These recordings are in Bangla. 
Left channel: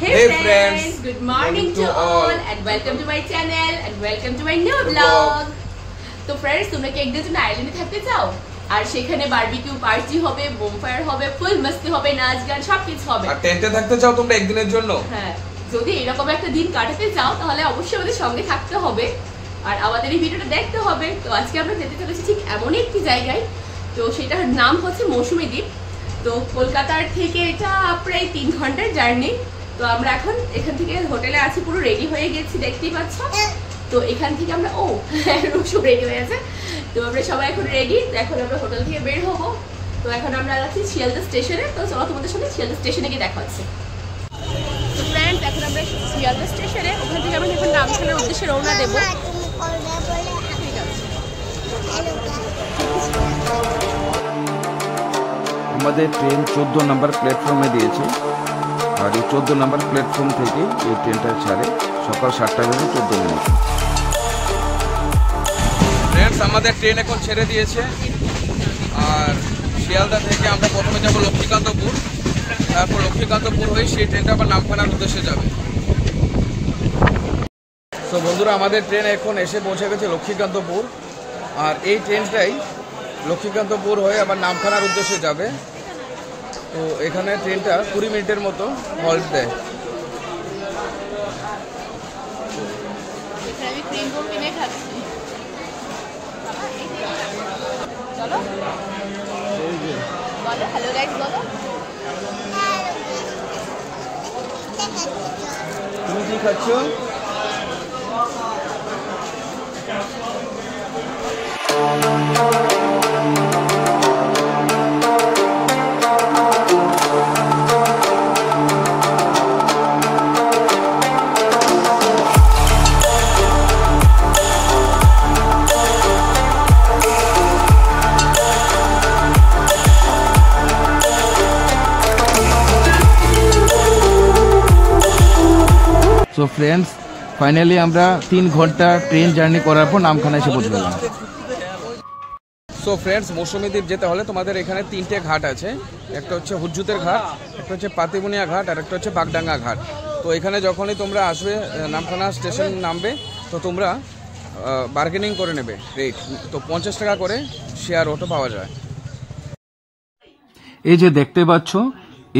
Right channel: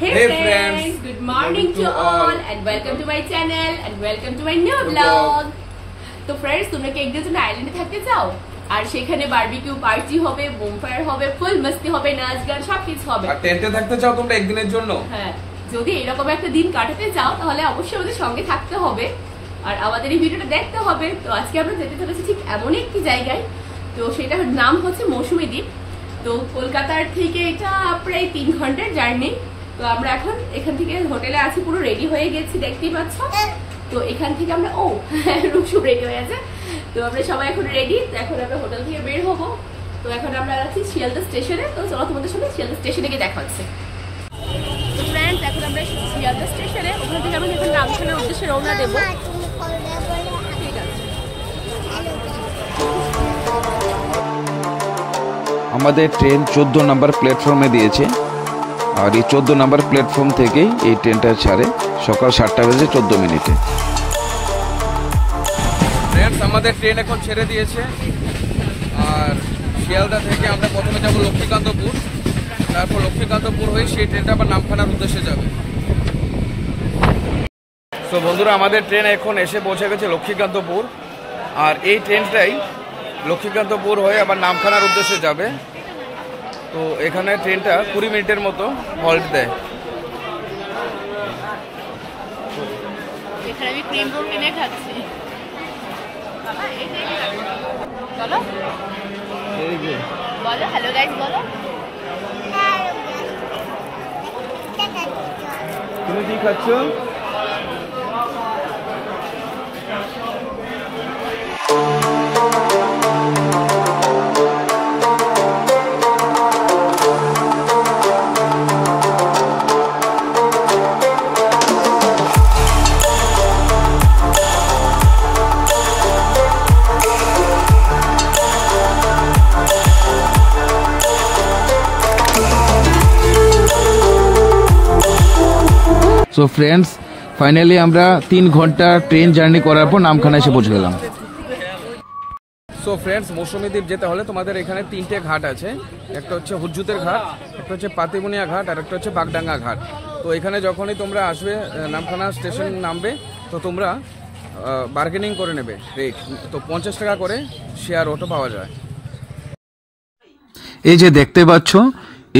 Hey friends, good morning to all and welcome to my channel and welcome to my new vlog. तो फ्रेंड्स তোমরা কি একদিন জন্য আইল্যান্ডে থাকতে চাও আর সেখানে বারবিকিউ পার্টি হবে, বোমফায়ার হবে, ফুল মস্তি হবে, নাচ গান সবকিছু হবে আর টেন্টে থাকতে চাও তোমরা একদিনের জন্য। হ্যাঁ, যদি এরকম একটা দিন কাটাতে চাও তাহলে অবশ্যই আমাদের সঙ্গে থাকতে হবে আর আমাদের এই ভিডিওটা দেখতে হবে। তো আজকে আমরা যেতে চলেছি ঠিক এমনই একটি জায়গায়, তো সেটার নাম হচ্ছে মৌসুমী দ্বীপ। তো কলকাতার থেকে এটা প্রায় 3 ঘন্টার জার্নি। তো আমরা এখন এখান থেকে হোটেলে আছি, পুরো রেডি হয়ে গেছি দেখতেই পাচ্ছ। তো এখান থেকে আমরা সব রেডি হয়ে আছে, তো আমরা সবাই এখন রেডি। তো এখন আমরা হোটেল থেকে বের হবো। তো এখন আমরা যাচ্ছি শিয়ালদা স্টেশনে। তো চলো তোমাদের সাথে শিয়ালদা স্টেশনে গিয়ে দেখা হচ্ছে। তো ফ্রেন্ডস এখন আমরা শিয়ালদা স্টেশনে, ওখান থেকে আমরা এখন নামখানার উদ্দেশ্যে রওনা দেবো। ঠিক আছে, আমাদের ট্রেন 14 নম্বর প্ল্যাটফর্মে দিয়েছে আর এই 14 নম্বর প্ল্যাটফর্ম থেকেই এই ট্রেনটা ছাড়ে সকাল 7টা বেজে 14 মিনিটে। ফ্রেন্ডস আমাদের ট্রেন এখন ছেড়ে দিয়েছে আর শিয়ালদা থেকে আমরা প্রথমে যাব লক্ষ্মীকান্তপুর, তারপর লক্ষ্মীকান্তপুর হয়ে সেই ট্রেনটা আবার নামখানার উদ্দেশ্যে যাবে। তো বন্ধুরা আমাদের ট্রেন এখন এসে পৌঁছে গেছে লক্ষ্মীকান্তপুর আর এই ট্রেনটাই লক্ষ্মীকান্তপুর হয়ে আবার নামখানার উদ্দেশ্যে যাবে। তো এখানে ট্রেনটা 20 মিনিটের মতো হল্ট দেয়। এখানে আমি ক্রিম রোল কিনে খাচ্ছি। বাবা এই যে চলো বলো হ্যালো গাইস বলো। তুমি কি খাচ্ছ? সো ফ্রেন্ডস ফাইনালি আমরা 3 ঘন্টা ট্রেন জার্নি করার পর নামখানা এসে পৌঁছে গেলাম। সো ফ্রেন্ডস মৌসুমী দ্বীপ যেতে হলে তোমাদের এখানে 3টে ঘাট আছে। একটা হচ্ছে হুজ্জুতের ঘাট, একটা হচ্ছে পাতিবুনিয়া ঘাট আর একটা হচ্ছে বাগডাঙ্গা ঘাট। তো এখানে যখনই তোমরা আসবে নামখানা স্টেশন নামবে তো তোমরা বার্গেনিং করে নেবে রেট। তো 50 টাকা করে শেয়ার অটো পাওয়া যায়। এই যে দেখতে পাচ্ছ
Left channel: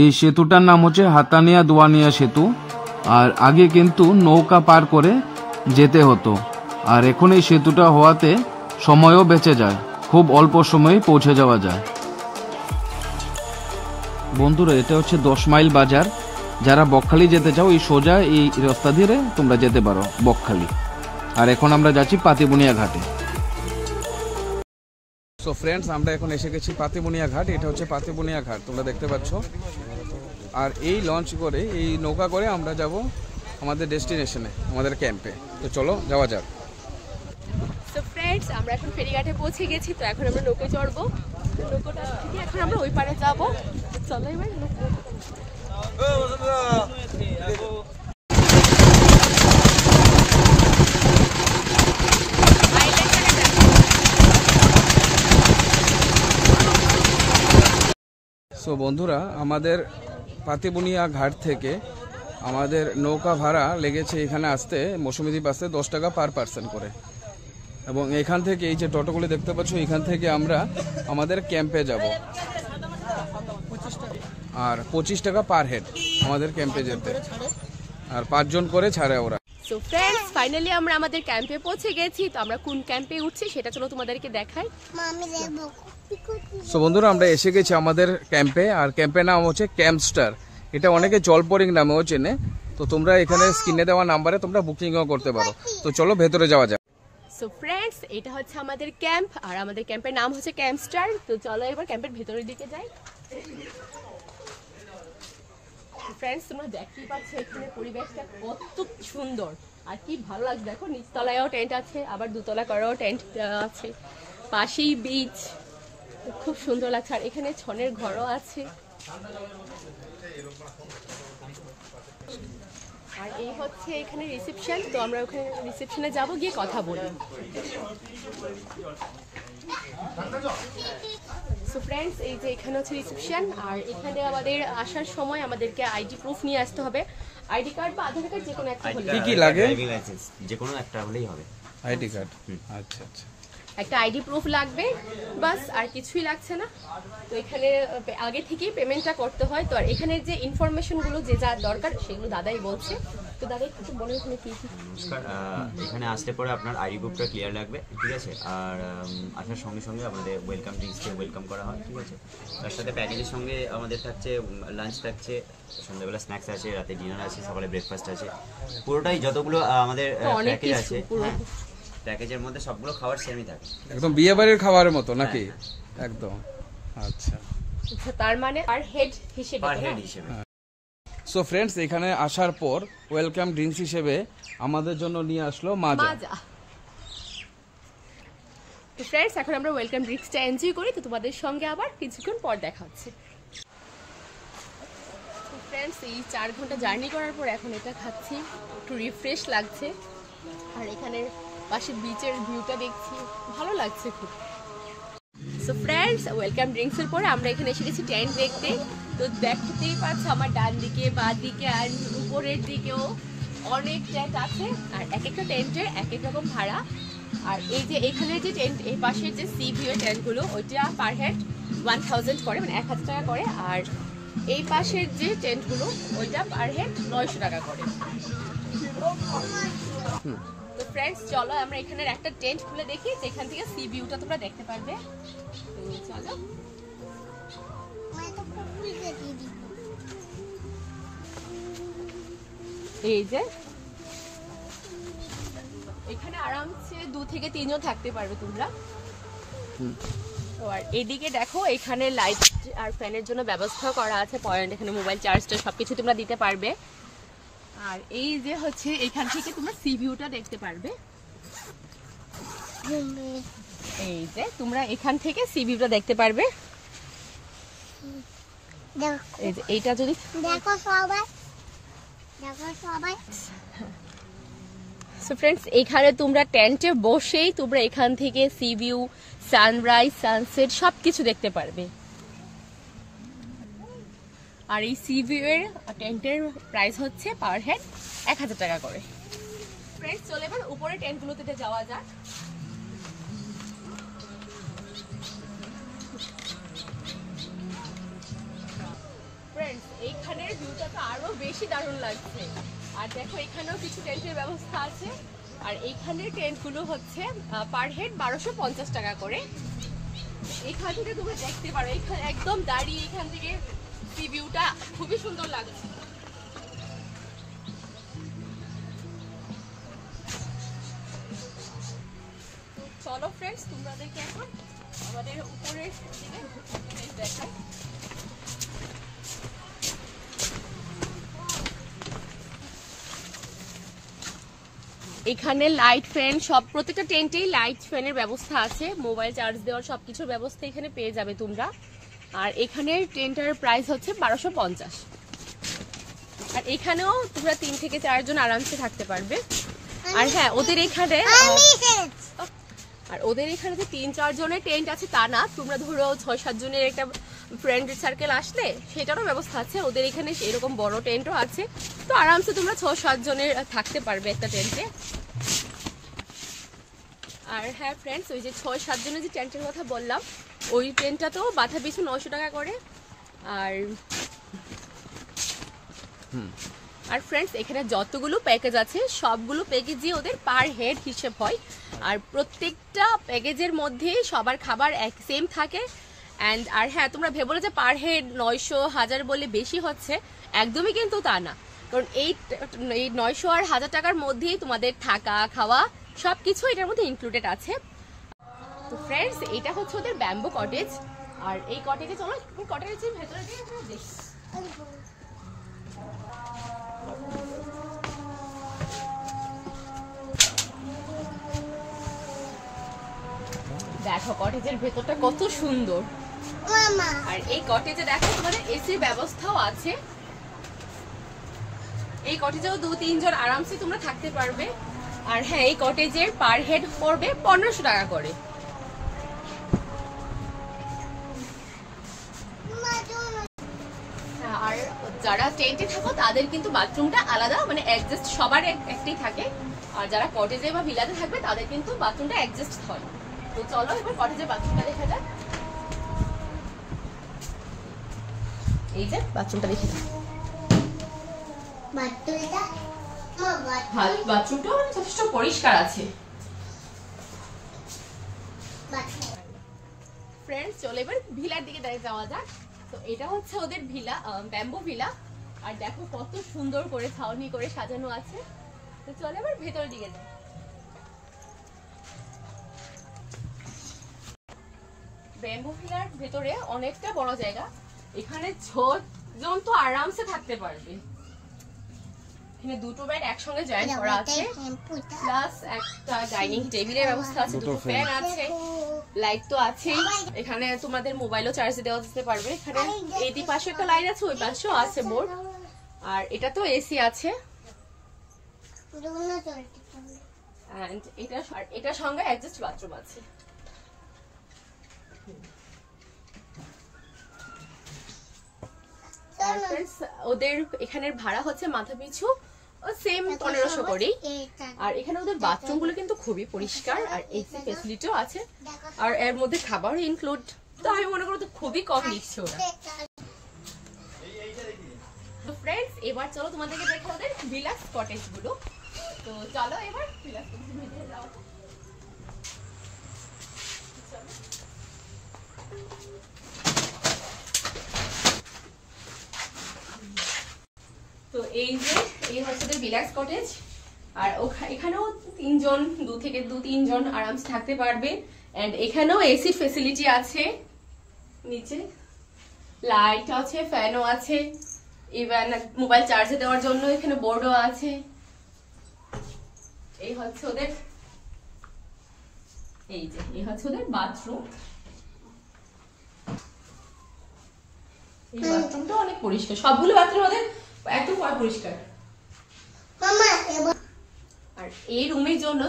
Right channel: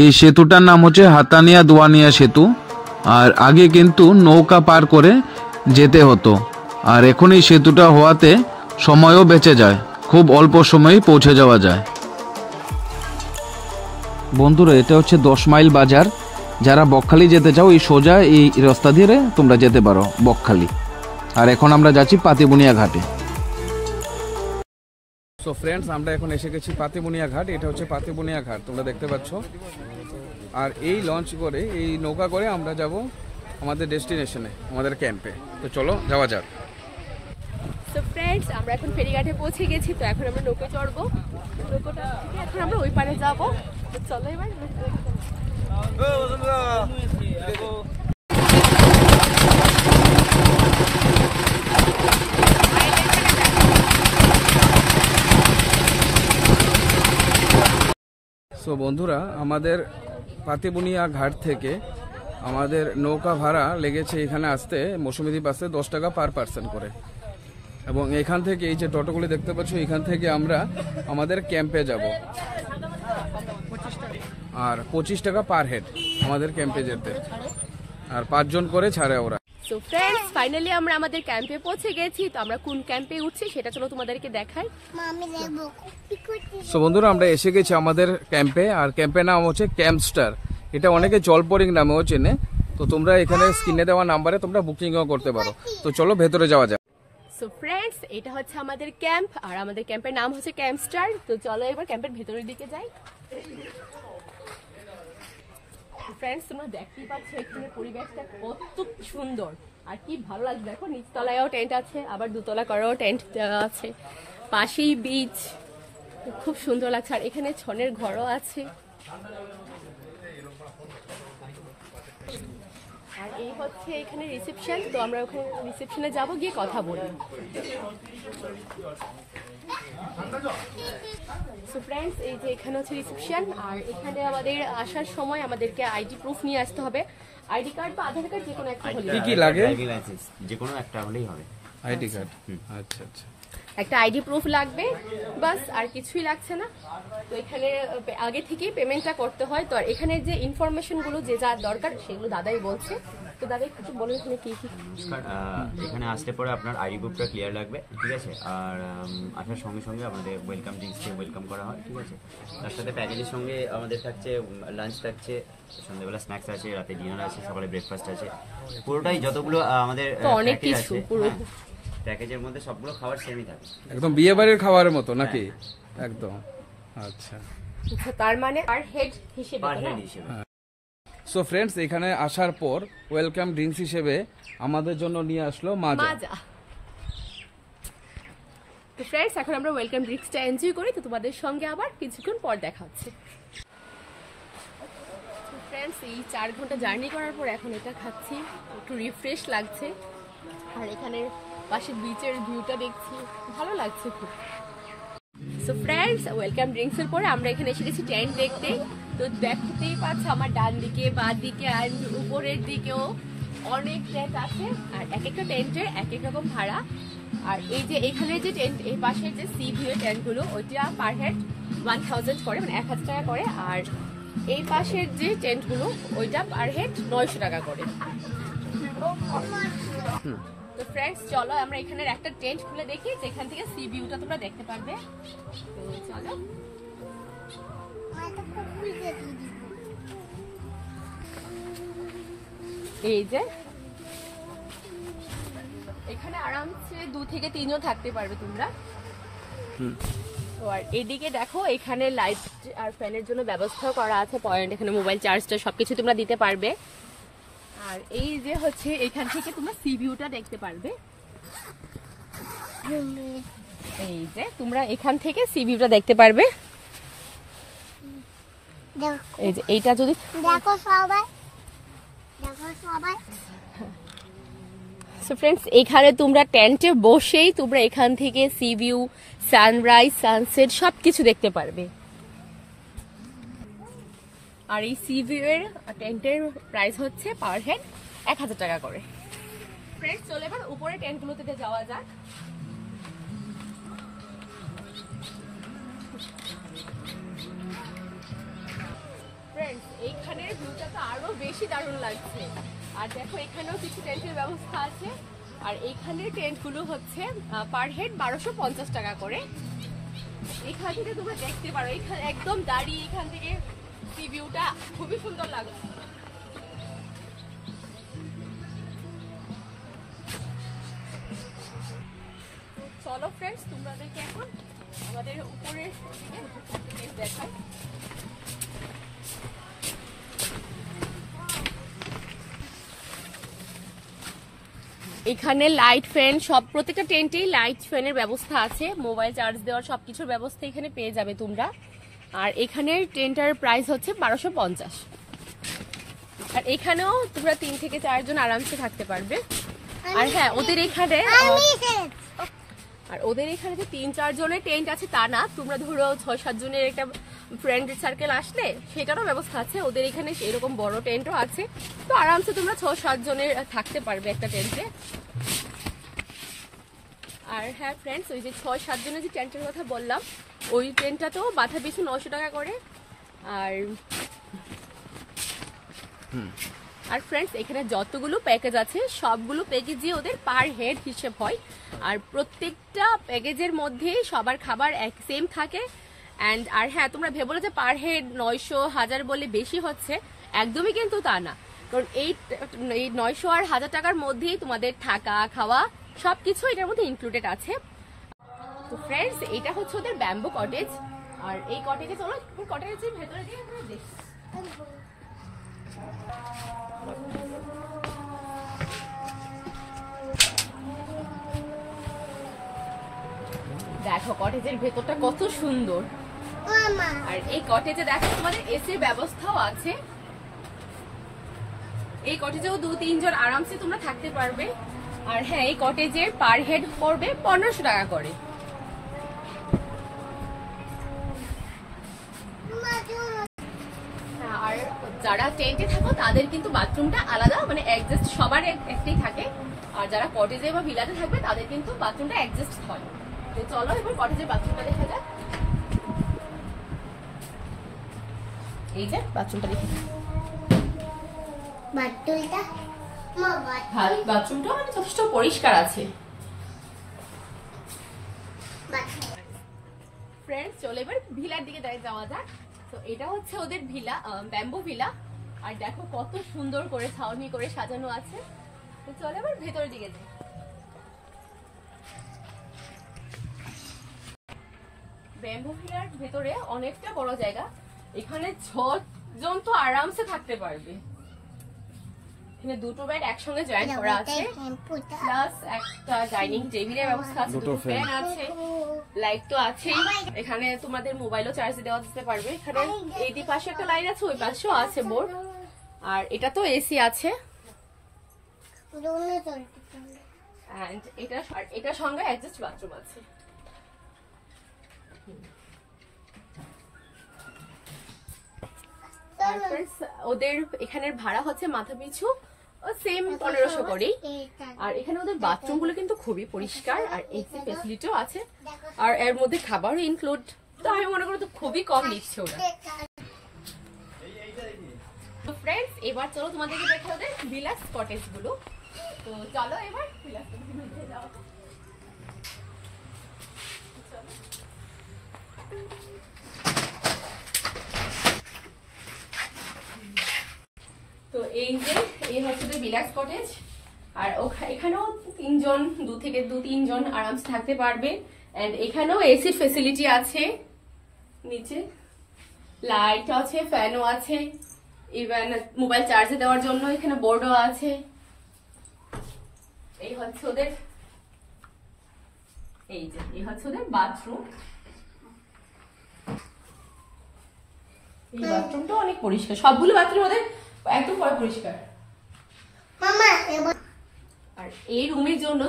এই সেতুটার নাম হচ্ছে হাতানিয়া দোয়ানিয়া সেতু আর আগে কিন্তু নৌকা পার করে যেতে হতো আর এখন এই সেতুটা হওয়াতে সময়ও বেঁচে যায়, খুব অল্প সময়েই পৌঁছে যাওয়া যায়। বন্ধুরা এটা হচ্ছে 10 মাইল বাজার, যারা বকখালি যেতে চাও এই সোজা এই রাস্তা ধরে তোমরা যেতে পারো বকখালি। আর এখন আমরা যাচ্ছি পাতিবুনিয়া ঘাটে। সো ফ্রেন্ডস আমরা এখন এসে গেছি পাতিবুনিয়া ঘাট। এটা হচ্ছে পাতিবুনিয়া ঘাট, তোমরা দেখতে পাচ্ছ। আর এই লঞ্চ করে এই নৌকা করে আমরা যাব আমাদের ডেস্টিনেশনে, আমাদের ক্যাম্পে। তো চলো যাওয়া যাক। সো ফ্রেন্ডস আমরা এখন ফেরিঘাটে পৌঁছে গেছি। তো এখন আমরা নৌকায় চড়বো, নৌকাটা থেকে এখন আমরা ওই পারে যাবো। তো চলো এবার সো বন্ধুরা আমাদের পাতিবুনিয়া ঘাট থেকে আমাদের নৌকা ভাড়া লেগেছে এখানে আসতে, মৌসুমী দ্বীপ আসতে 10 টাকা পার পার্সন করে। এবং এখান থেকে এই যে টোটোগুলি দেখতে পাচ্ছ এখান থেকে আমরা আমাদের ক্যাম্পে যাব আর 25 টাকা পার হেড আমাদের ক্যাম্পে যেতে, আর 5 জন করে ছাড়ে ওরা। সো ফ্রেন্ডস ফাইনালি আমরা আমাদের ক্যাম্পে পৌঁছে গেছি। তো আমরা কোন ক্যাম্পে উঠছি সেটা চলো তোমাদেরকে দেখাই। সো বন্ধুরা আমরা এসে গেছি আমাদের ক্যাম্পে আর ক্যাম্পের নাম হচ্ছে ক্যাম্পস্টার। এটা অনেকে জলপরিং নামেও চেনে। তো তোমরা এখানে স্ক্রিনে দেওয়া নাম্বারে তোমরা বুকিংও করতে পারো। তো চলো ভেতরে যাওয়া যাক। সো ফ্রেন্ডস এটা হচ্ছে আমাদের ক্যাম্প আর আমাদের ক্যাম্পের নাম হচ্ছে ক্যাম্পস্টার। তো চলো এবার ক্যাম্পের ভেতরের দিকে যাই। ফ্রেন্ডস তোমরা দেখতেই পাচ্ছ এখানে পরিবেশটা কত সুন্দর আর কি ভালো লাগছে। দেখো নিচতলায়ও টেন্ট আছে, আবার দোতলা করেও টেন্ট দেওয়া আছে, পাশেই বিচ, খুব সুন্দর লাগছে। আর এখানে ছনের ঘরও আছে। আর এই হচ্ছে এখানে রিসেপশন, তো আমরা ওখানে রিসেপশনে যাব, গিয়ে কথা বলি। সো ফ্রেন্ডস, এই যে এখানে হচ্ছে রিসেপশন, আর এখানে আমাদের আসার সময় আমাদেরকে আইডি প্রুফ নিয়ে আসতে হবে। আইডি কার্ড বা আধার কার্ড যে কোনো একটা হলে। কি কি লাগে? ড্রাইভিং লাইসেন্স যে কোনো একটা হলেই হবে। আইডি কার্ড, আচ্ছা আচ্ছা। একটা আইডি প্রুফ লাগবে, বাস, আর কিছুই লাগছে না। তো এখানে আগে থেকেই পেমেন্টটা করতে হয়। তো আর এখানে যে ইনফরমেশনগুলো যে যা দরকার সেগুলো দাদাই বলছে। তো দাদাই একটু বলে এখানে কি কি। এখানে আসতে পরে আপনার আইডি বুকটা ক্লিয়ার লাগবে, ঠিক আছে। আর আসার সঙ্গে সঙ্গে আমাদের ওয়েলকাম ড্রিঙ্কসকে ওয়েলকাম করা হয়, ঠিক আছে। তার সাথে প্যাকেজের সঙ্গে আমাদের থাকছে লাঞ্চ থাকছে, সন্ধ্যাবেলা স্ন্যাক্স আছে, রাতে ডিনার আছে, সকালে ব্রেকফাস্ট আছে। পুরোটাই যতগুলো আমাদের প্যাকেজ আছে, প্যাকেজের মধ্যে সবগুলো খাবার সেমই থাকে, একদম বিয়ে বাড়ির খাবারের মতো নাকি? একদম, আচ্ছা। তার মানে পার হেড হিসেবে, পার হেড হিসেবে। সো ফ্রেন্ডস, এখানে আসার পর ওয়েলকাম ড্রিঙ্কস হিসেবে আমাদের জন্য নিয়ে আসলো মাজা। মাজা। তো ফ্রেন্ডস, এখন আমরা ওয়েলকাম ড্রিঙ্কসটা এনজয় করি। তো তোমাদের সঙ্গে আবার কিছুক্ষণ পর দেখা হচ্ছে। তো ফ্রেন্ডস, এই 4 ঘন্টা জার্নি করার পর এখন এটা খাচ্ছি, একটু রিফ্রেশ লাগছে। আর এখানে পাশে বিচের ভিউটা দেখছি, ভালো লাগছে খুব। সো ফ্রেন্ডস, ওয়েলকাম ড্রিঙ্কসের পরে আমরা এখানে এসে গেছি টেন্ট দেখতে। তো দেখতেই পাচ্ছ আমার ডান দিকে, বাঁ দিকে আর উপরের দিকেও অনেক টেন্ট আছে। আর এক একটা টেন্টের এক এক রকম ভাড়া। আর এই যে এখানে যে টেন্ট, এই পাশের যে সি ভিউ এর টেন্টগুলো, ওইটা পার হেড 1000 করে, মানে 1000 টাকা করে। আর এই পাশের যে টেন্টগুলো, ওইটা পার হেড 900 টাকা করে। তো ফ্রেন্ডস, চলো আমরা এখানের একটা টেন্ট খুলে দেখি, যেখান থেকে সি ভিউটা তোমরা দেখতে পারবে। তো চলো। এই যে এখানে আরামসে 2 থেকে 3 জন থাকতে পারবে তোমরা। তো আর এদিকে দেখো, এখানে লাইট আর ফ্যানের জন্য ব্যবস্থা করা আছে, পয়েন্ট, এখানে মোবাইল চার্জটা সবকিছু তোমরা দিতে পারবে। আর এই যে হচ্ছে এখান থেকে তোমরা সি ভিউটা দেখতে পারবে। এই যে তোমরা এখান থেকে সি ভিউটা দেখতে পারবে। এই যে এইটা যদি দেখো সবাই, দেখো সবাই। সো ফ্রেন্ডস, এখানে তোমরা টেন্টে বসেই তোমরা এখান থেকে সি ভিউ, সানরাইজ, সানসেট সবকিছু দেখতে পারবে। আর এই সি ভিউ এর টেন্টের প্রাইস হচ্ছে পার হেড 1000 টাকা করে। ফ্রেন্ডস, চলে এবার উপরে টেন্টগুলোতে যাওয়া যাক। ফ্রেন্ডস, এইখানের ভিউটা তো আরো বেশি দারুণ লাগছে। আর দেখো, এখানেও কিছু টেন্টের ব্যবস্থা আছে। আর এইখানের টেন্টগুলো হচ্ছে পার হেড 1250 টাকা করে। এখান থেকে তোমরা দেখতে পারো, এখানে একদম দাঁড়িয়ে এখান থেকে সি ভিউটা খুবই সুন্দর লাগছে। চলো ফ্রেন্ডস, তোমাদেরকে এখন আমাদের উপরের দিকে দেখাই। এখানে লাইট ফ্যান সব, প্রত্যেকটা টেন্টেই লাইট ফ্যানের ব্যবস্থা আছে, মোবাইল চার্জ দেওয়ার সবকিছুর ব্যবস্থা এখানে পেয়ে যাবে তোমরা। আর এখানের টেন্টার প্রাইস হচ্ছে 1250। আর এখানেও তোমরা 3 থেকে 4 জন আরামসে থাকতে পারবে। আর হ্যাঁ, ওদের এখানে যে 3-4 জনের টেন্ট আছে তা না, তোমরা ধরো 6-7 জনের একটা ফ্রেন্ড সার্কেল আসলে সেটারও ব্যবস্থা আছে। ওদের এখানে এরকম বড় টেন্টও আছে, তো আরামসে তোমরা 6-7 জনের থাকতে পারবে একটা টেন্টে। আর হ্যাঁ ফ্রেন্ডস, ওই যে 6-7 জনের যে টেন্টের কথা বললাম, ওই টেন্টটা তো মাথা পিছু 900 টাকা করে। আর ফ্রেন্ডস, এখানে যতগুলো প্যাকেজ আছে সবগুলো প্যাকেজই ওদের পার হেড হিসেব হয়। আর প্রত্যেকটা প্যাকেজের মধ্যে সবার খাবার এক সেম থাকে। আর হ্যাঁ, তোমরা ভেবো যে পার হেড 900-1000 বলে বেশি হচ্ছে, একদমই কিন্তু তা না। কারণ এই 900 আর 1000 টাকার মধ্যেই তোমাদের থাকা, খাওয়া সবকিছু এটার মধ্যে ইনক্লুডেড আছে। তো ফ্রেন্ডস, এটা হচ্ছে ওদের ব্যাম্বো কটেজ। আর এই কটেজে চলো কটেজের ভেতরে দেখি। দেখো কটেজের ভেতরটা কত সুন্দর। আর এই কটেজে দেখো তোমাদের এসির ব্যবস্থাও আছে। এই কটেজেও 2-3 জন আরামসে তোমরা থাকতে পারবে। আর হ্যাঁ, এই কটেজের পার হেড পড়বে 1500 টাকা করে। আর যারা টেন্টে থাকো তাদের কিন্তু বাথরুমটা আলাদা, মানে অ্যাডজাস্ট সবার একটাই থাকে। আর যারা কটেজে বা ভিলাতে থাকবে তাদের কিন্তু বাথরুমটা অ্যাডজাস্ট হয়। তো চলো এবার কটেজের বাথরুমটা দেখা যাক। এই যে বাথরুমটা দেখে যাক। বাথরুমটা যথেষ্ট পরিষ্কার আছে। ফ্রেন্ডস, চলো এবার ভিলার দিকে যাওয়া যাক। তো এটা হচ্ছে ওদের ভিলা, ব্যাম্বো ভিলা। আর দেখো কত সুন্দর করে ছাউনি করে সাজানো আছে। তো চলো এবার ভেতরের দিকে যাই। ব্যাম্বো ভিলার ভেতরে অনেকটা বড় জায়গা। এখানে 6 জন তো আরামসে থাকতে পারবে। এখানে 2টো বেড একসঙ্গে জয়েন করা আছে, প্লাস একটা ডাইনিং টেবিলের ব্যবস্থা আছে, 2টো ফ্যান আছে, লাইট তো আছে। এখানে তোমাদের মোবাইলও চার্জে দেওয়া যেতে পারবে। এখানে এই পাশে একটা লাইট আছে, ওই পাশেও আছে বোর্ড। আর এটা তো এসি আছে। এন্ড এটা সঙ্গে অ্যাডজাস্ট বাথরুম আছে। ওদের এখানের ভাড়া হচ্ছে মাথা পিছু সেম 1500 করেই। আর এখানে ওদের বাথরুম গুলো কিন্তু খুবই পরিষ্কার, আর এসি ফ্যাসিলিটিও আছে, আর এর মধ্যে খাবারও ইনক্লুড। তো আমি মনে করি তো খুবই কম নিচ্ছে ওরা। তো ফ্রেন্ডস, এবার চলো তোমাদেরকে দেখা ওদের ভিলাস কটেজ গুলো। তো চলো এবার ভিলাস কটেজের ভিতরে যাওয়া যাক। তো এই হচ্ছে বিলাক্স কটেজ। আর এখানেও 2-3 জন আরামসে থাকতে পারবে। এন্ড এখানেও এসি ফ্যাসিলিটি আছে, নিচে লাইট আছে, ফ্যানও আছে, ইভেন মোবাইল চার্জে দেওয়ার জন্য এখানে বোর্ডও আছে। এই হচ্ছে ওদের বাথরুম। এই বাথরুমটা অনেক পরিষ্কার, সবগুলো বাথরুম ওদের একদম পরিষ্কার। আর এই রুমের জন্য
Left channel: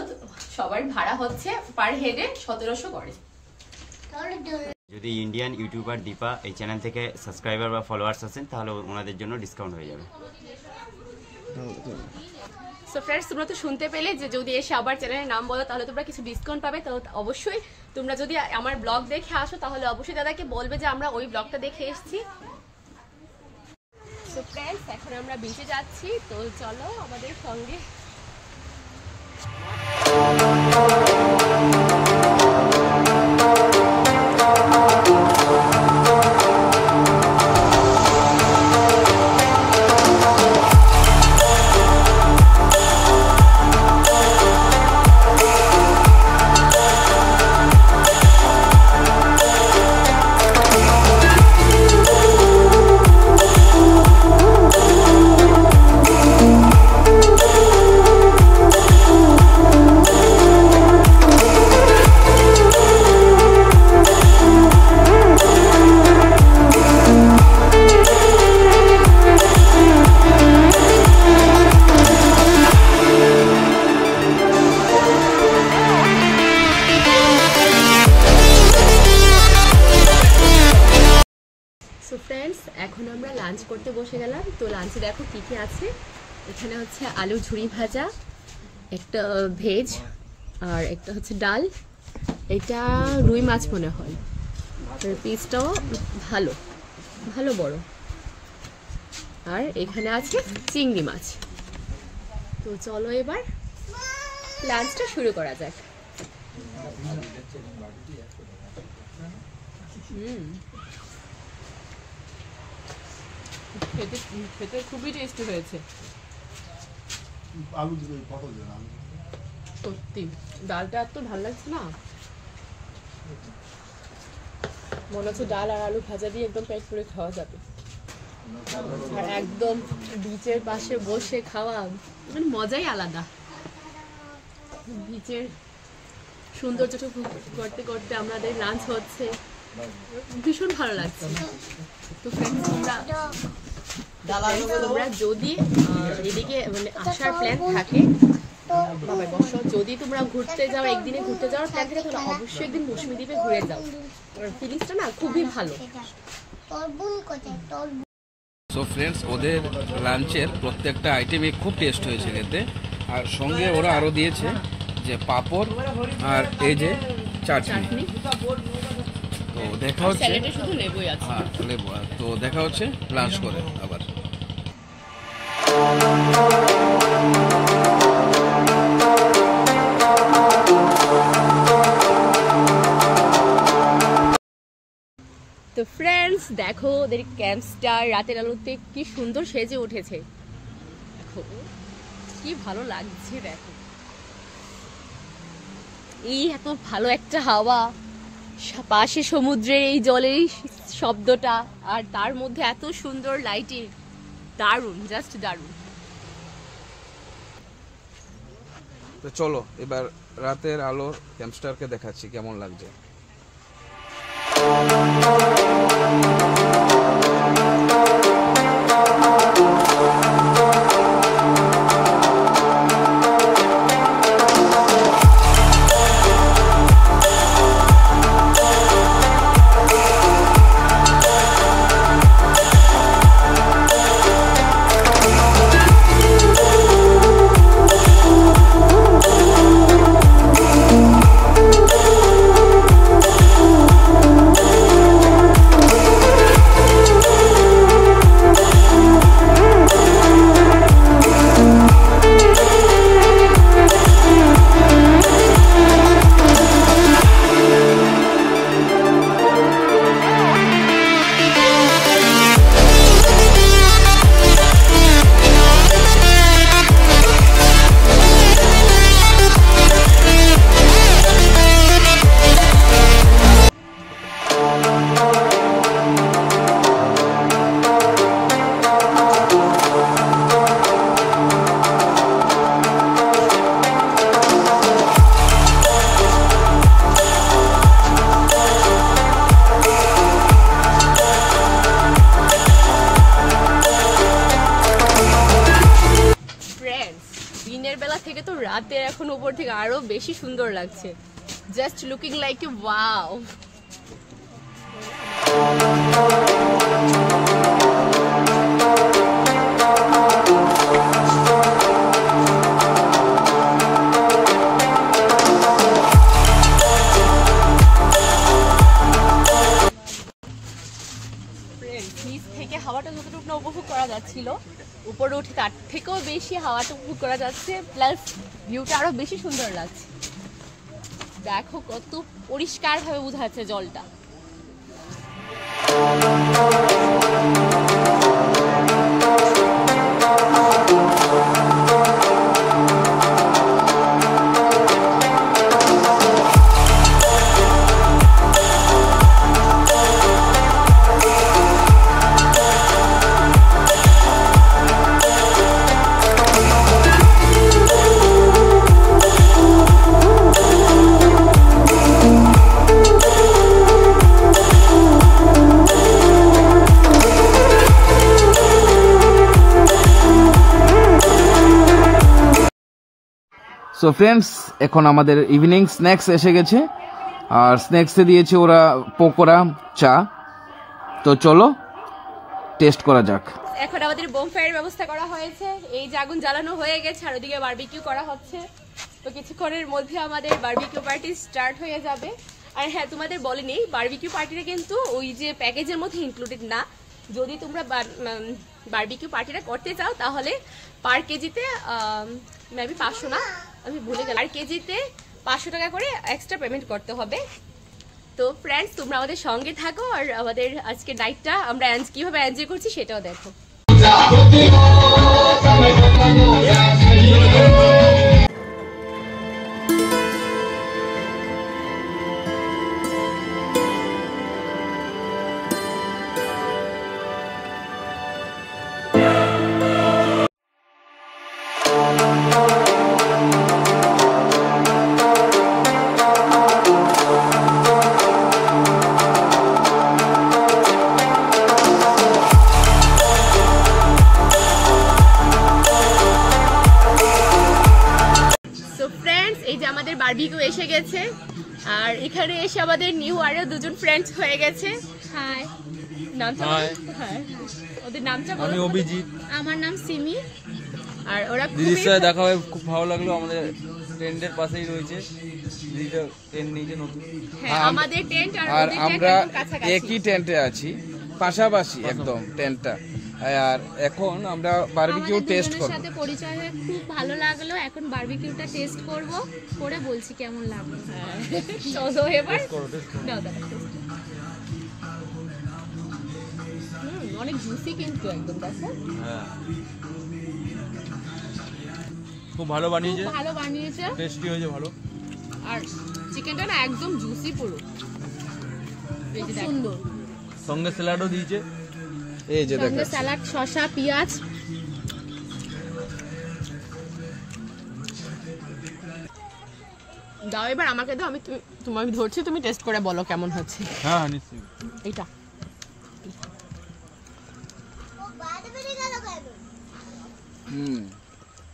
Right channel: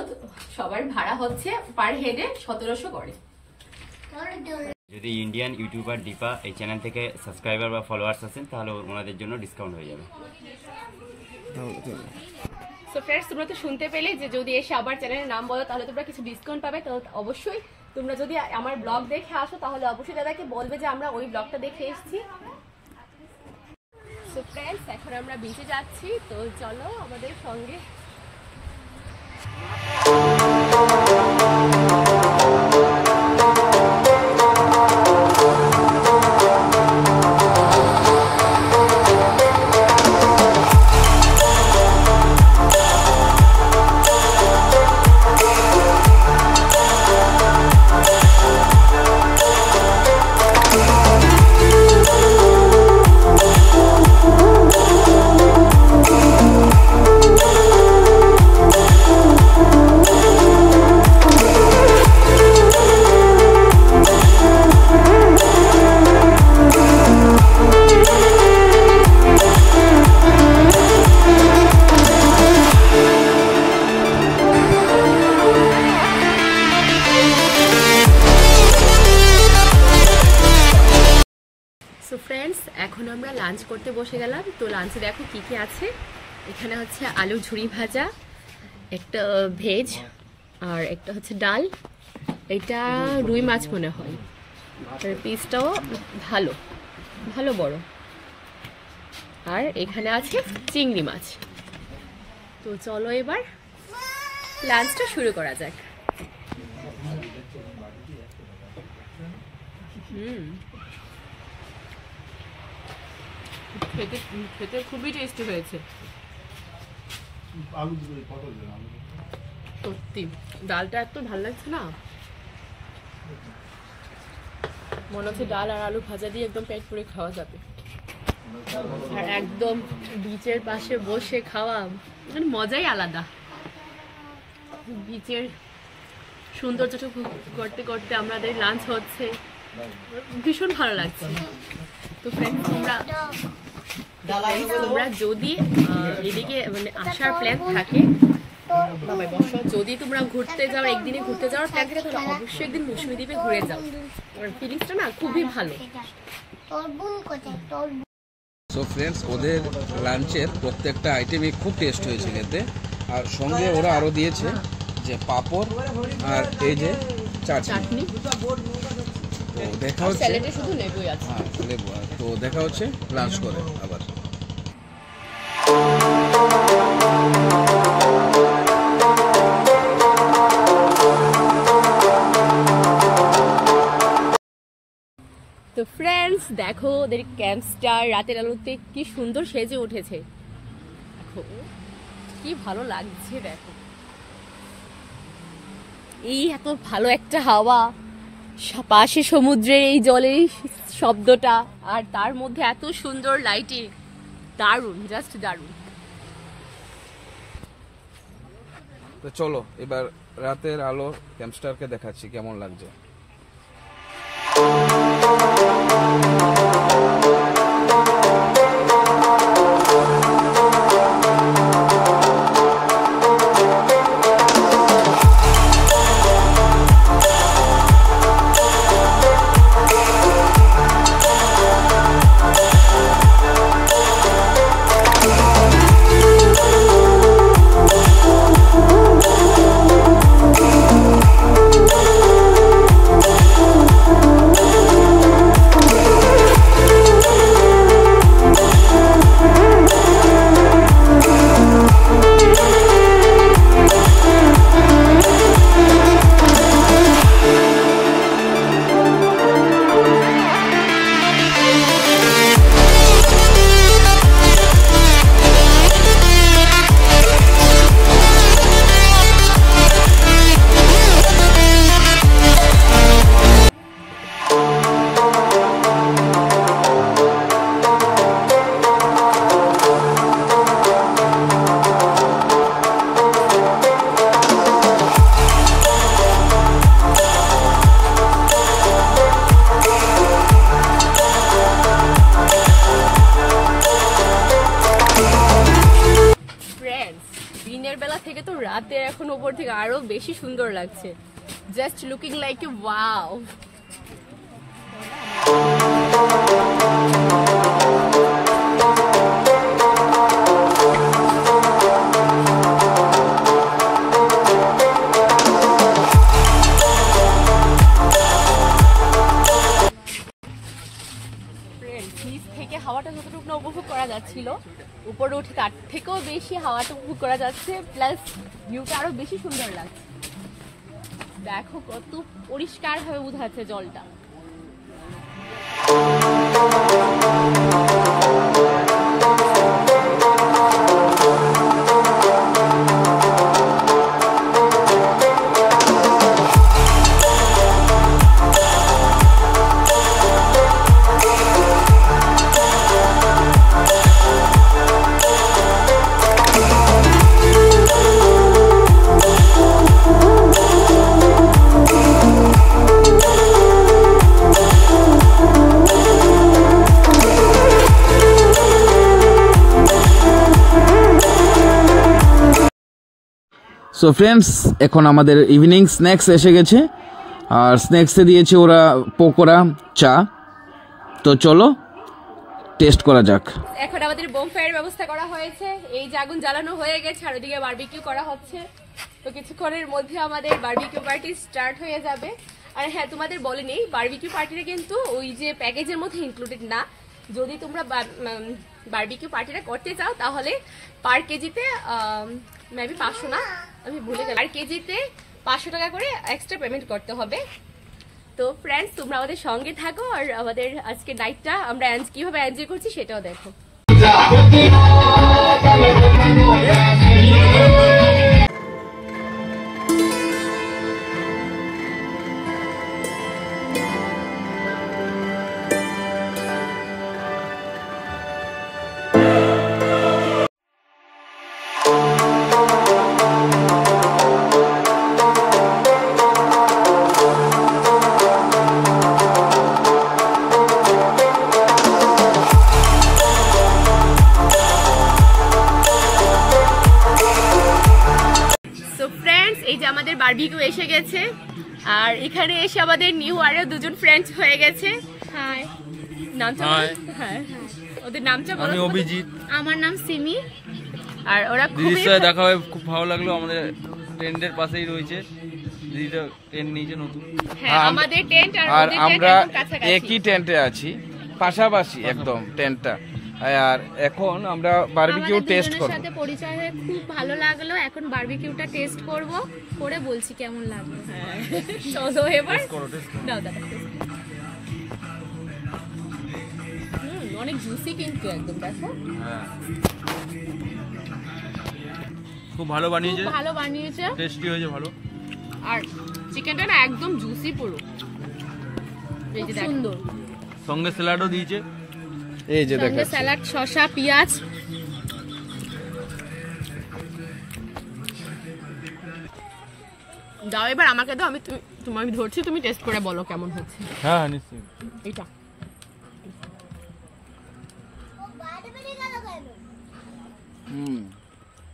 সবার ভাড়া হচ্ছে পার হেডে 1700 করে। যদি ইন্ডিয়ান ইউটিউবার দীপা এই চ্যানেল থেকে সাবস্ক্রাইবার বা ফলোয়ার্স আছেন তাহলে ওনাদের জন্য ডিসকাউন্ট হয়ে যাবে। সো ফ্রেন্ডস, তোমরা তো শুনতে পেলে যে যদি এসে আবার চ্যানেলের নাম বলো তাহলে তোমরা কিছু ডিসকাউন্ট পাবে। তো অবশ্যই তোমরা যদি আমার ব্লগ দেখে আসো তাহলে অবশ্যই দাদাকে বলবে যে আমরা ওই ব্লগটা দেখে এসেছি। সো ফ্রেন্ডস, এখন আমরা বিচে যাচ্ছি। তো চলো আমাদের সঙ্গে। সো ফ্রেন্ডস, এখন আমরা লাঞ্চ করতে বসে গেলাম। তো লাঞ্চে দেখো কি কি আছে। এখানে হচ্ছে আলু ঝুরি ভাজা, একটা ভেজ, আর একটা হচ্ছে ডাল। এটা রুই মাছ মনে হয়, পিসটাও ভালো ভালো বড়। আর এখানে আছে চিংড়ি মাছ। তো চলো এবার লাঞ্চটা শুরু করা যাক। খেতে খুবই টেস্টি হয়েছে সত্যি। ডালটা এত ভালো লাগছে না, মনে হচ্ছে ডাল আর আলু ভাজা দিয়ে একদম পেট পুরে খাওয়া যাবে। আর একদম বিচের পাশে বসে খাওয়া মানে মজাই আলাদা। বিচের সৌন্দর্যটুকু করতে করতে আমাদের লাঞ্চ হচ্ছে, ভীষণ ভালো লাগছে। তো ফ্রেন্ডস, তোমরা তোমরা যদি এদিকে মানে আসার প্ল্যান থাকে, বাবা বসো, যদি তোমরা ঘুরতে যাও, একদিনে ঘুরতে যাওয়ার প্ল্যান থাকে তাহলে অবশ্যই একদিন মৌসুমী দ্বীপে ঘুরে যাও। ফিলিংসটা না খুবই ভালো। সো ফ্রেন্ডস, ওদের লাঞ্চের প্রত্যেকটা আইটেমই খুব টেস্ট হয়েছে খেতে, আর সঙ্গে ওরা আরও দিয়েছে যে পাঁপড় আর এই যে চাটনি। তো দেখা হচ্ছে, স্যালাডে শুধু লেবুই আছে। হ্যাঁ লেবু। তো দেখা হচ্ছে লাঞ্চ করে আবার। তো ফ্রেন্ডস দেখো, ওদের ক্যাম্পসটা রাতের আলোতে কি সুন্দর সেজে উঠেছে। দেখো কি ভালো লাগছে, দেখো এই এত ভালো একটা হাওয়া, পাশে সমুদ্রের এই জলের শব্দটা, আর তার মধ্যে এত সুন্দর লাইটিং, দারুণ, জাস্ট দারুণ। তো চলো এবার রাতের আলো ক্যাম্পস্টারকে দেখাচ্ছি কেমন লাগছে। দিনের বেলা থেকে তো রাতে এখন উপর থেকে আরো বেশি সুন্দর লাগছে, just looking like a wow. নিচ থেকে হাওয়াটা যতটুকু না উপভোগ করা যাচ্ছিল, উপরে উঠে তার থেকেও বেশি হাওয়াটা উপভোগ করা যাচ্ছে, প্লাস ভিউটা আরো বেশি সুন্দর লাগছে। দেখো কত পরিষ্কার ভাবে বোঝা যাচ্ছে জলটা। সো ফ্রেন্ডস, এখন আমাদের ইভিনিং স্ন্যাক্স এসে গেছে, আর স্ন্যাক্সে দিয়েছে ওরা পকোড়া, চা। তো চলো টেস্ট করা যাক। এখন আমাদের বোমফায়ারের ব্যবস্থা করা হয়েছে, এই যে আগুন জ্বালানো হয়ে গেছে আর ওদিকে বারবিকিউ করা হচ্ছে। তো কিছুক্ষণের মধ্যে আমাদের বারবিকিউ পার্টি স্টার্ট হয়ে যাবে। আর হ্যাঁ, তোমাদের বলিনি, বারবিকিউ পার্টিটা কিন্তু ওই যে প্যাকেজের মধ্যে ইনক্লুডেড না। যদি তোমরা বারবিকিউ পার্টিটা করতে চাও তাহলে পার কেজিতে মেবি 500 না, আমি ভুলে গেলাম, আর কেজিতে 500 টাকা করে এক্সট্রা পেমেন্ট করতে হবে। তো ফ্রেন্ডস, তোমরা আমাদের সঙ্গে থাকো আর আমাদের আজকে নাইটটা আমরা কিভাবে এনজয় করছি সেটাও দেখো। আমাদের বারবিকিউ এসে গেছে, আর এখানে এসে আমাদের নিউ আরো দুজন ফ্রেন্ডস হয়ে গেছে। হাই, নামটা হ্যাঁ, ওদের নামটা বলো। আমি অভিজিৎ। আমার নাম সিমি। আর ওরা দিদির সাথে দেখা হয়ে খুব ভালো লাগলো। আমাদের টেন্টের পাশেই রয়েছে, দিদিটা টেন্ট নিয়েছে নতুন। হ্যাঁ, আমাদের টেন্ট আর আমরা একই টেন্টে আছি, পাশাপাশি একদম টেন্টটা। আর এখন আমরা বারবিকিউ টেস্ট করব। সাথে পরিচয় হয়ে খুব ভালো লাগলো। এখন বারবিকিউটা টেস্ট করব, করে বলছি কেমন লাগলো। হ্যাঁ, চলো এবার দাও দাদা। অনেক জুসি কিন্তু একদম, দেখো। হ্যাঁ, খুব ভালো বানিয়েছে, ভালো বানিয়েছে, টেস্টি হয়েছে ভালো। আর চিকেনটা না একদম জুসি পুরো, এই যে দেখো। সুন্দর। সঙ্গে স্যালাডও দিয়েছে, এই যে সঙ্গে দেখো স্যালাড, শসা, পেঁয়াজ। দাও এবার আমাকে দাও, আমি তোমাকে ধরছি, তুমি টেস্ট করে বলো কেমন হচ্ছে। হ্যাঁ নিশ্চয়ই। এটা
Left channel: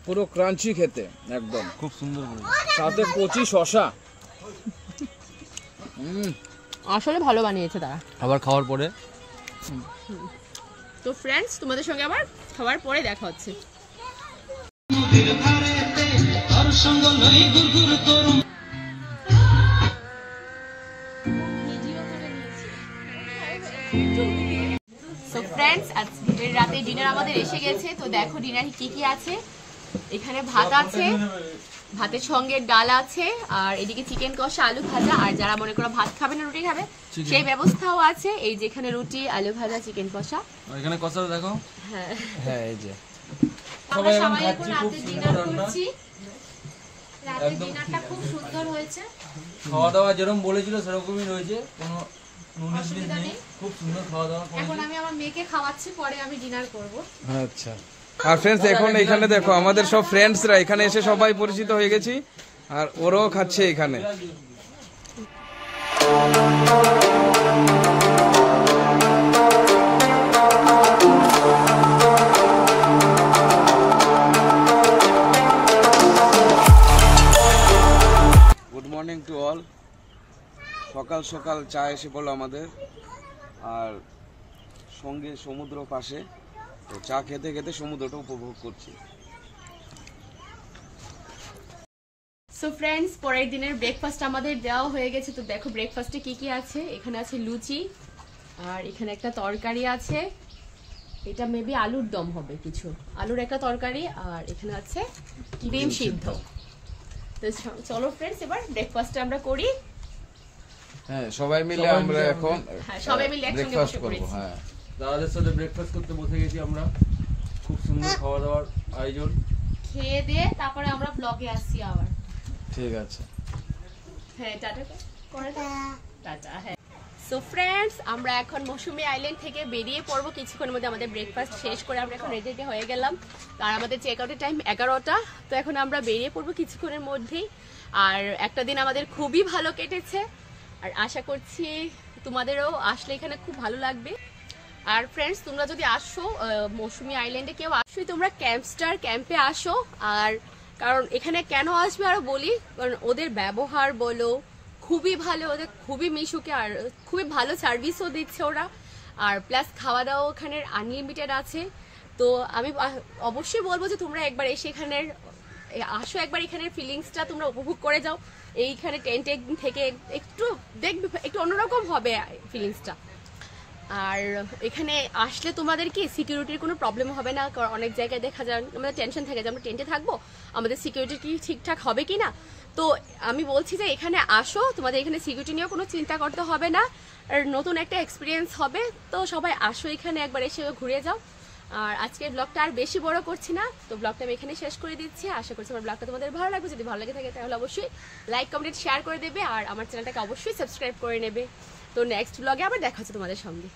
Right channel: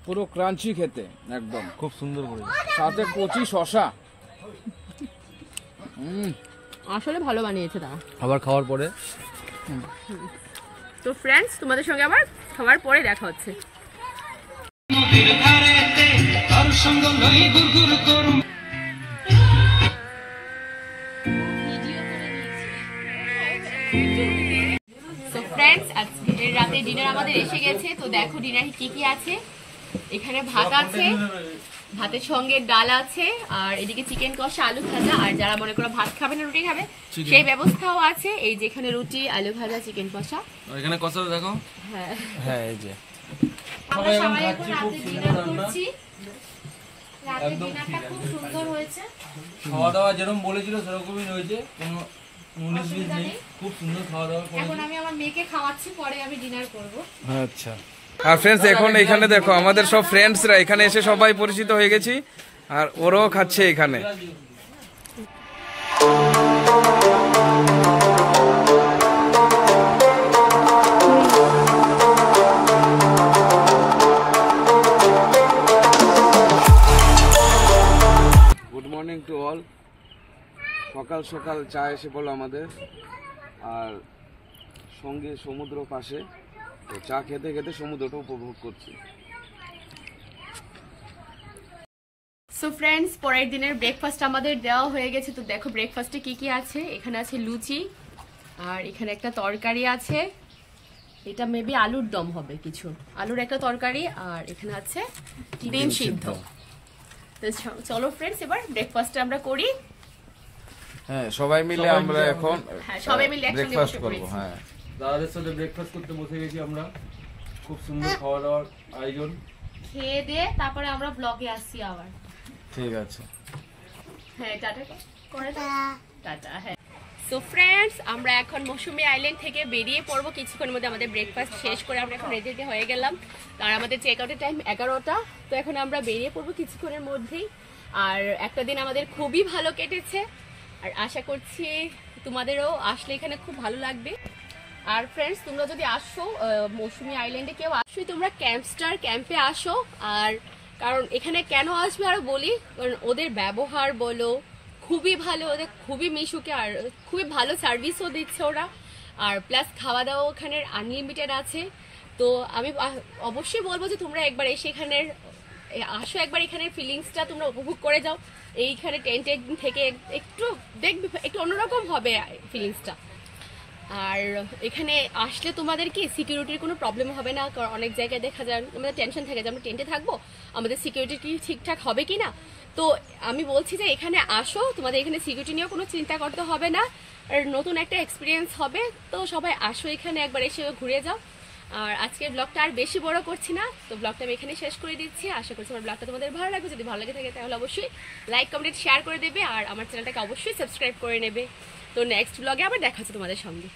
পুরো ক্রাঞ্চি খেতে একদম, খুব সুন্দর করে, সাথে কচি শসা। আসলে ভালো বানিয়েছে তারা। আবার খাওয়ার পরে। তো ফ্রেন্ডস, তোমাদের সঙ্গে আবার খাওয়ার পরে দেখা হচ্ছে। সো ফ্রেন্ডস, আজকে রাতে ডিনার আমাদের এসে গেছে। তো দেখো ডিনারে কি কি আছে। এখানে ভাত আছে, ভাতের সঙ্গে ডাল আছে, আর এদিকে চিকেন কষা, আলু ভাজা, আর যারা মনে করো ভাত খাবে না রুটি খাবে সেই ব্যবস্থাও আছে। এই যে এখানে রুটি, আলু ভাজা, চিকেন কষা। এখানে কষা দেখো। হ্যাঁ হ্যাঁ, এই যে আমরা সবাই এখন রাতে ডিনার করছি। রাতে ডিনারটা খুব সুন্দর হয়েছে। খাওয়া দাওয়া যেরকম বলেছিল সেরকমই রয়েছে, কোনো 19-20 নেই। খুব সুন্দর খাওয়া দাওয়া এখন করেছে। আমি আমার মেয়েকে খাওয়াচ্ছি, পরে আমি ডিনার করব। আচ্ছা। আর ফ্রেন্ডস, এখন এখানে দেখো আমাদের সব ফ্রেন্ডসরা এখানে এসে সবাই পরিচিত হয়ে গেছি, আর ওরাও খাচ্ছে এখানে। Good morning to all. সকাল সকাল চা এসে পড়লো আমাদের, আর সঙ্গে সমুদ্র পাশে। তো চা খেতে খেতে সমুদ্রটা উপভোগ করছি। সো ফ্রেন্ডস, পরের দিনের ব্রেকফাস্ট আমাদের দেওয়া হয়ে গেছে। তো দেখো ব্রেকফাস্টে কি কি আছে। এখানে আছে লুচি, আর এখানে একটা তরকারি আছে, এটা মেবি আলুর দম হবে, কিছু আলুর একটা তরকারি, আর এখানে আছে ডিম সিদ্ধ। তো চলো ফ্রেন্ডস, এবার ব্রেকফাস্টটা আমরা করি। হ্যাঁ, সবাই মিলে আমরা এখন হ্যাঁ, সবাই মিলে একসঙ্গে ব্রেকফাস্ট বসে করব। পড়েছি। হ্যাঁ, দাদাদের সাথে ব্রেকফাস্ট করতে বসে গেছি আমরা। খুব সুন্দর খাওয়া দাওয়ার আয়োজন। খেয়ে দিয়ে তারপরে আমরা ব্লগে আসছি আবার। ঠিক আছে। হ্যাঁ, টাটা করে দাও। টাটা। হ্যাঁ। সো ফ্রেন্ডস, আমরা এখন মৌসুমী আইল্যান্ড থেকে বেরিয়ে পড়বো কিছুক্ষণের মধ্যে। আমাদের ব্রেকফাস্ট শেষ করে আমরা এখন রেডি হয়ে গেলাম, আর আমাদের চেক আউটের টাইম 11টা। তো এখন আমরা বেরিয়ে পড়বো কিছুক্ষণের মধ্যেই। আর একটা দিন আমাদের খুবই ভালো কেটেছে, আর আশা করছি তোমাদেরও আসলে এখানে খুব ভালো লাগবে। আর ফ্রেন্ডস, তোমরা যদি আসো মৌসুমী আইল্যান্ডে, কেউ আসোই তোমরা ক্যাম্পস্টার ক্যাম্পে আসো। আর কারণ এখানে কেন আসবে আরো বলি, কারণ ওদের ব্যবহার বলো খুবই ভালো, ওদের খুবই মিশুকে, আর খুবই ভালো সার্ভিসও দিচ্ছে ওরা। আর প্লাস খাওয়া দাওয়া ওখানে আনলিমিটেড আছে। তো আমি অবশ্যই বলবো যে তোমরা একবার এসে এখানের আসো, একবার এখানের ফিলিংসটা তোমরা উপভোগ করে যাও। এইখানে টেন্টে থেকে একটু দেখবে, একটু অন্যরকম হবে ফিলিংসটা। আর এখানে আসলে তোমাদের কি সিকিউরিটির কোনো প্রবলেম হবে না, কারণ অনেক জায়গায় দেখা যায় আমাদের টেনশন থাকে যে আমরা টেন্টে থাকবো, আমাদের সিকিউরিটি কি ঠিকঠাক হবে কি না। তো আমি বলছি যে এখানে আসো, তোমাদের এখানে সিকিউরিটি নিয়েও কোনো চিন্তা করতে হবে না, আর নতুন একটা এক্সপিরিয়েন্স হবে। তো সবাই আসো এখানে, একবার এসে ঘুরে যাও। আর আজকের ব্লগটা আর বেশি বড় করছি না, তো ব্লগটা আমি এখানে শেষ করে দিচ্ছি। আশা করছি আমার ব্লগটা তোমাদের ভালো লাগবে। যদি ভালো লাগে থাকে তাহলে অবশ্যই লাইক, কমেন্ট, শেয়ার করে দেবে, আর আমার চ্যানেলটাকে অবশ্যই সাবস্ক্রাইব করে নেবে। তো নেক্সট ব্লগে আবার দেখা হচ্ছে তোমাদের সঙ্গে।